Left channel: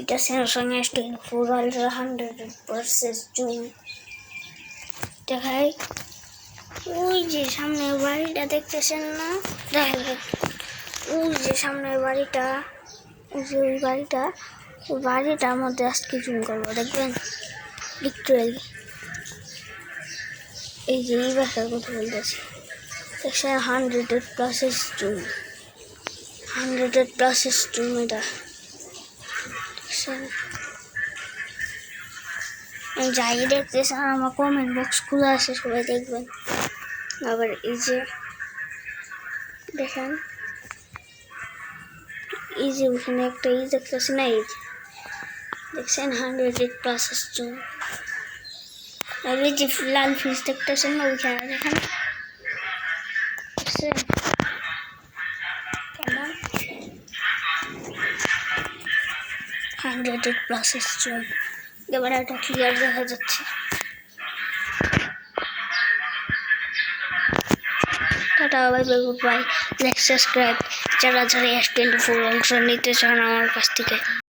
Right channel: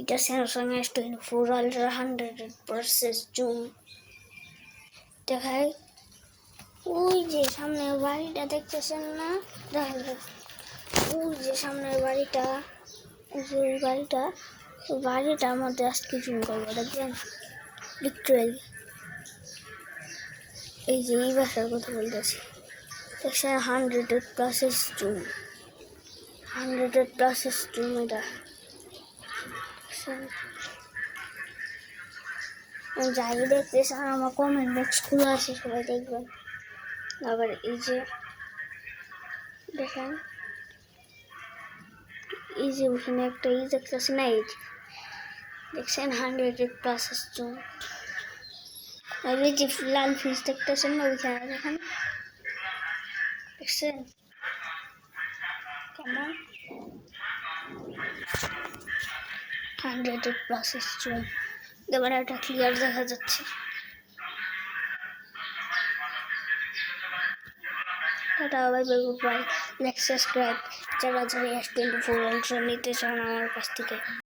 এটা Samsung S24 ultra 100% zoom দেখাই। ওই যে সামনের বাড়িটা দেখতেছেন না, দেখেন ওই যে সামনের বাড়িটা, ওই যে ওই বাড়িটার মধ্যে আজকে জুম করবো, দেখবেন লিটারালি এই যে এই বাসার কথা বলতেছি, দেখছেন 100+ জুম, 100+ জুম এটা দেখছেন। যাই দেখতেছেন আমার কমেন্ট বক্স খোলা আছে, সবাই দেখবেন। আবার এই যে দেখেন এই যে ওখানে একটা দেখতেছে না, এই দেখছেন 100+ জুম। আর এই যে লাল ফিস দেখতেছেন না, ওইখানে দেখেন দেখছেন কেমন 100+ জুম। এবার এটা ক্লিয়ার দেখা যাচ্ছে। Tata, bye bye, good bye. Like subscribe যারা যারা S24 অংশ নিতে চান আমার কাছ থেকে।